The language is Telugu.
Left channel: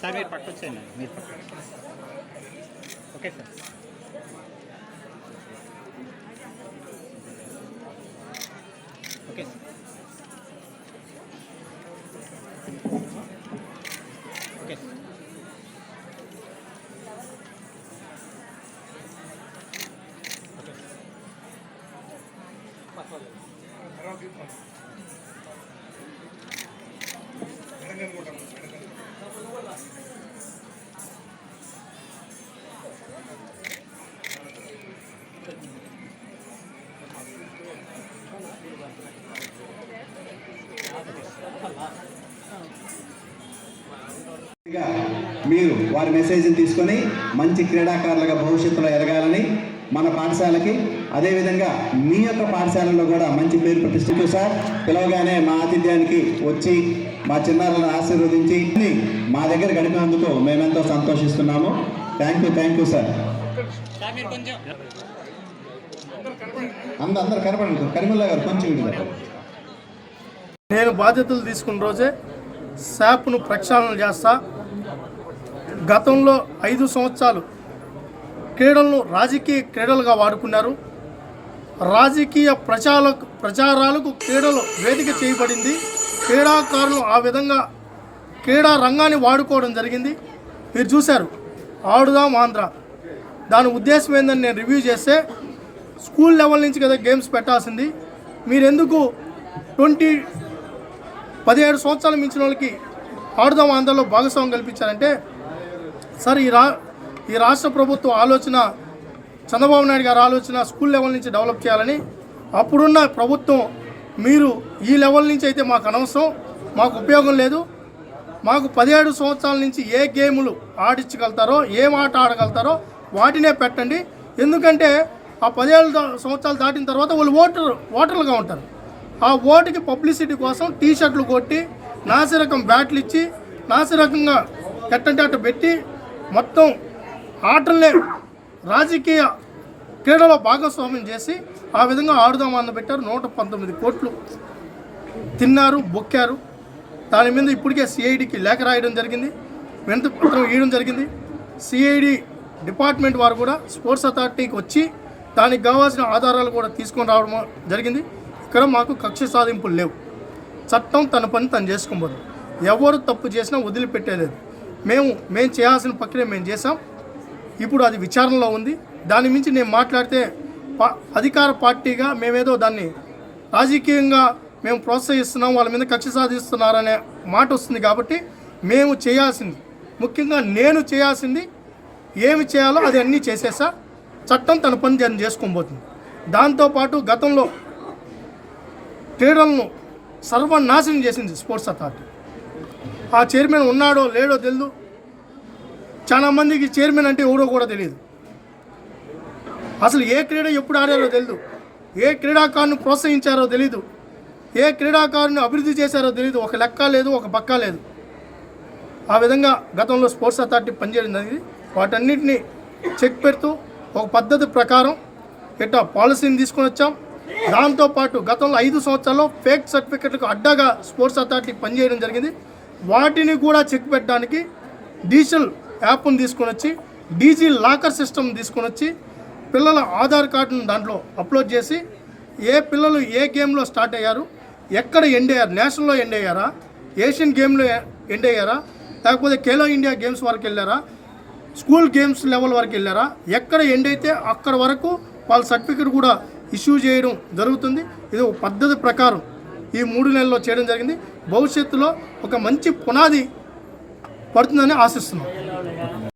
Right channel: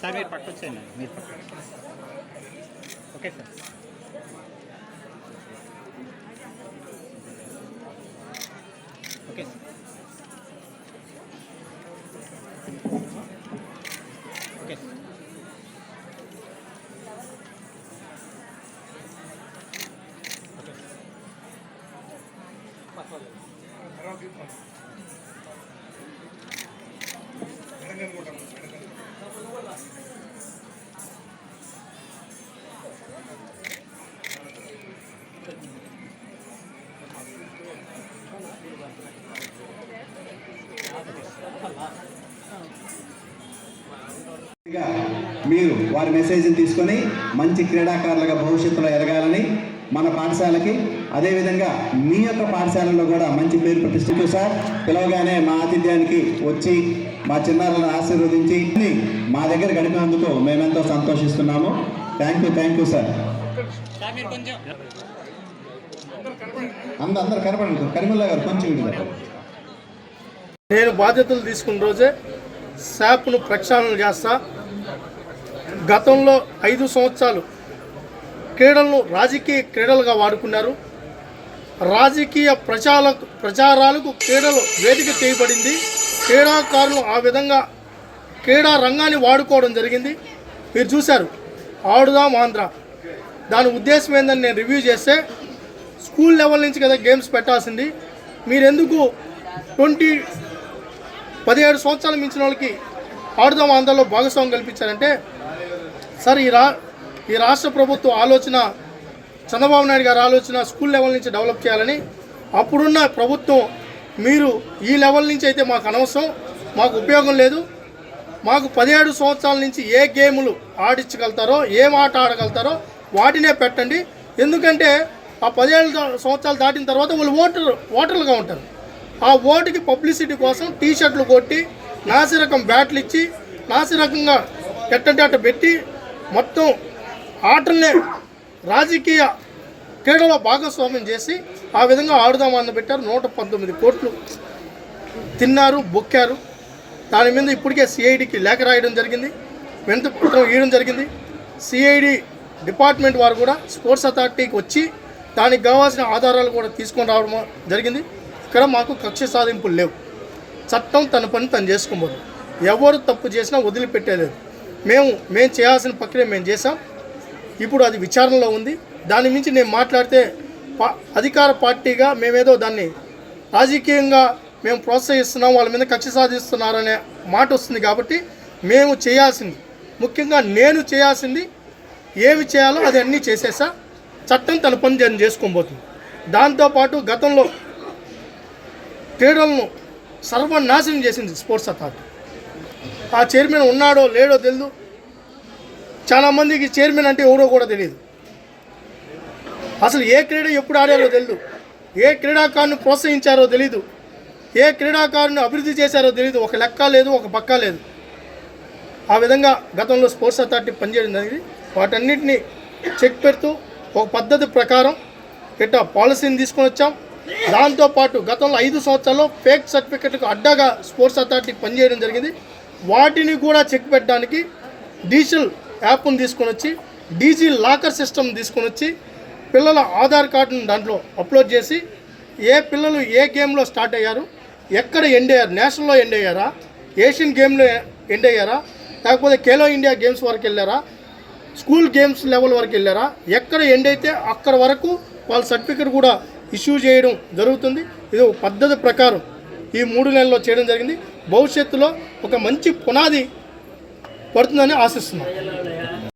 సార్ మీరు పక్క వచ్చేయండి, మీరు పక్క. Okay sir. Okay sir. Okay sir. మీరు వారి మెసేజ్ని తీసుకొని మంచి క్రీడాకారులుగా భవిష్యత్తులో ఎదగాలని మన పాఠశాలకి, అదేవిధంగా మీ యొక్క పాఠశాలలో కూడా మంచి పేరు ప్రతిష్ఠించు సార్. పిలవగానే మా ఆతిథ్యానికి వచ్చి మా చిన్నారులను ఆశీర్వదించి మా దగ్గర గడిపినందుకు మేమెంతో సంతోషిస్తున్నాము. Thank you sir. అందరు కనపడండి. కరిముల్లా గారు కొంచెం విడుదల. నేను బాధ్యతలు తీసుకున్న రోజే శాప్ను ప్రక్షాళన చేస్తా. గతంలో 5 సంవత్సరాలు క్రీడలను రాజకీయ క్రీడలుగా వాడుకున్నారు. రాజకీయ ప్రచారాలకు క్రీడలు వేదిక చేయబడింది. క్రీడాకారులు ఆ విధంగా క్రీడా రంగాన్ని వాడుకోవడం జరిగింది. మీరు చూశారు ఆడుదాం ఆంధ్ర. దాని ఉద్దేశం ఏందని నేను రివ్యూ చేస్తే, స్కూల్ లెవెల్ నుంచి కదా గేమ్స్ పెట్టాల్సింది, మీరెందుకు 17 సంవత్సరాలు మించిన వాళ్ళకి ఆడుదాం ఆంధ్రలో భాగస్వామ్యం కల్పించారంటే, సార్ ఈ రాష్ట్ర ప్రభుత్వ ఆలోచన, చంద్రబాబు నాయుడు గారి ఆలోచన స్కూల్ లెవెల్ నుంచి డెవలప్ చేయాలని. అప్పుడున్న ప్రభుత్వం మీరు ఈ లెవెల్ నుంచి అయితే మాకు అనవసరం, మాకు ఉపయోగం లేదు, మాకు 17 సంవత్సరాల నుంచి ఏ గేములు ఆడించగలుగుతారో, ఏం ఆట ఆడగలుగుతారో వాటినే పెట్టండి. ఎందుకంటే ఆ 17 సంవత్సరాలు దాటిన తర్వాత వాళ్ళు ఓటర్లుగా ఉంటారు. ఆ ఓటుకి పబ్లిసిటీ కోసం టీషర్ట్లు కొట్టి, నాసిరకం బ్యాట్లు ఇచ్చి, నాసిరకంగా ఎట్టంటే అట్ట పెట్టి మొత్తం ఆటలనే రాజకీయ క్రీడలో భాగస్వామ్యం చేసి ఆ విధంగా ఆడుదామని పెట్టారు. 119 కోట్లు తిన్నారు, బొక్కారు. దాని మీద ఇప్పటికే సిఐడికి లేఖ రాయడం జరిగింది, వినతి పత్రం ఇవ్వడం జరిగింది. సిఐడి డిపార్ట్మెంట్ వారు కూడా స్పోర్ట్స్ అథారిటీకి వచ్చి దానికి కావాల్సిన ఆధారాలు కూడా తీసుకొని రావడం జరిగింది. ఇక్కడ మాకు కక్ష సాధింపులు లేవు. చట్టం తన పని తను చేసుకోబోదు. ఎవరు తప్పు చేసినా వదిలిపెట్టేలేదు. మేము చేయాల్సిన ప్రక్రియ మేము చేసాం. ఇప్పుడు అది విచారణలో ఉంది. దాని మించి నేను మాట్లాడితే అధికార పార్టీగా మేమేదో దాన్ని రాజకీయంగా మేము ప్రోత్సహిస్తున్నాం, వాళ్ళ మీద కక్ష సాధిస్తున్నారనే మాట వస్తుంది. కాబట్టి మేము చేయాల్సింది, ముఖ్యంగా నేను చేయాల్సింది ఏమి చేయాలో అది అన్నీ చేసేసా. చట్టం తన పని దాన్ని చేసుకోబోతుంది. దాంతోపాటు గతంలో క్రీడలను సర్వనాశనం చేసింది స్పోర్ట్స్ అథారిటీ. ఆ చైర్మన్ ఉన్నాడో లేడో తెలియదు. చాలామందికి చైర్మన్ అంటే ఎవడో కూడా తెలియదు. అసలు ఏ క్రీడ ఎప్పుడు ఆడారో తెలియదు, ఏ క్రీడాకారుని ప్రోత్సహించారో తెలీదు, ఏ క్రీడాకారుని అభివృద్ధి చేశారో తెలీదు. ఒక లెక్క లేదు, ఒక పక్క లేదు. ఆ విధంగా గతంలో స్పోర్ట్స్ అథారిటీ పనిచేయడం జరిగింది. వాటన్నిటిని చెక్ పెడుతూ ఒక పద్ధతి ప్రకారం ఇట్లా పాలసీని తీసుకొని వచ్చాం. దాంతోపాటు గతంలో 5 సంవత్సరాల్లో ఫేక్ సర్టిఫికెట్లకు అడ్డగా స్పోర్ట్స్ అథారిటీ పనిచేయడం జరిగింది. వాటిని కూడా చెక్ పెట్టడానికి డిజిటల్ యాప్ను తీసుకొని వచ్చి, డీజీ లాకర్ సిస్టమ్ తీసుకొని వచ్చి, పిల్లల ఆధార్ కార్డును దాంట్లో అప్లోడ్ చేసి, ఏ పిల్లలు ఏ గేమ్లో స్టార్ట్ అయ్యారు, ఎక్కడ ఎండ్ అయ్యారు, నేషనల్లో ఎండ్ అయ్యారా, ఏషియన్ గేమ్లో ఎండ్ అయ్యారా, లేకపోతే ఖేలో ఇండియా గేమ్స్ వరకు వెళ్ళారా, స్కూల్ గేమ్స్ లెవెల్ వరకు వెళ్ళారా, ఎక్కడ ఎండ్ అయితే అక్కడ వరకు వాళ్ళ సర్టిఫికెట్ కూడా ఇష్యూ చేయడం జరుగుతుంది. ఇది ఒక పద్ధతి ప్రకారం ఈ 3 నెలల్లో చేయడం జరిగింది. భవిష్యత్తులో ఒక మంచి పునాది పడుతుందని ఆశిస్తున్నాం.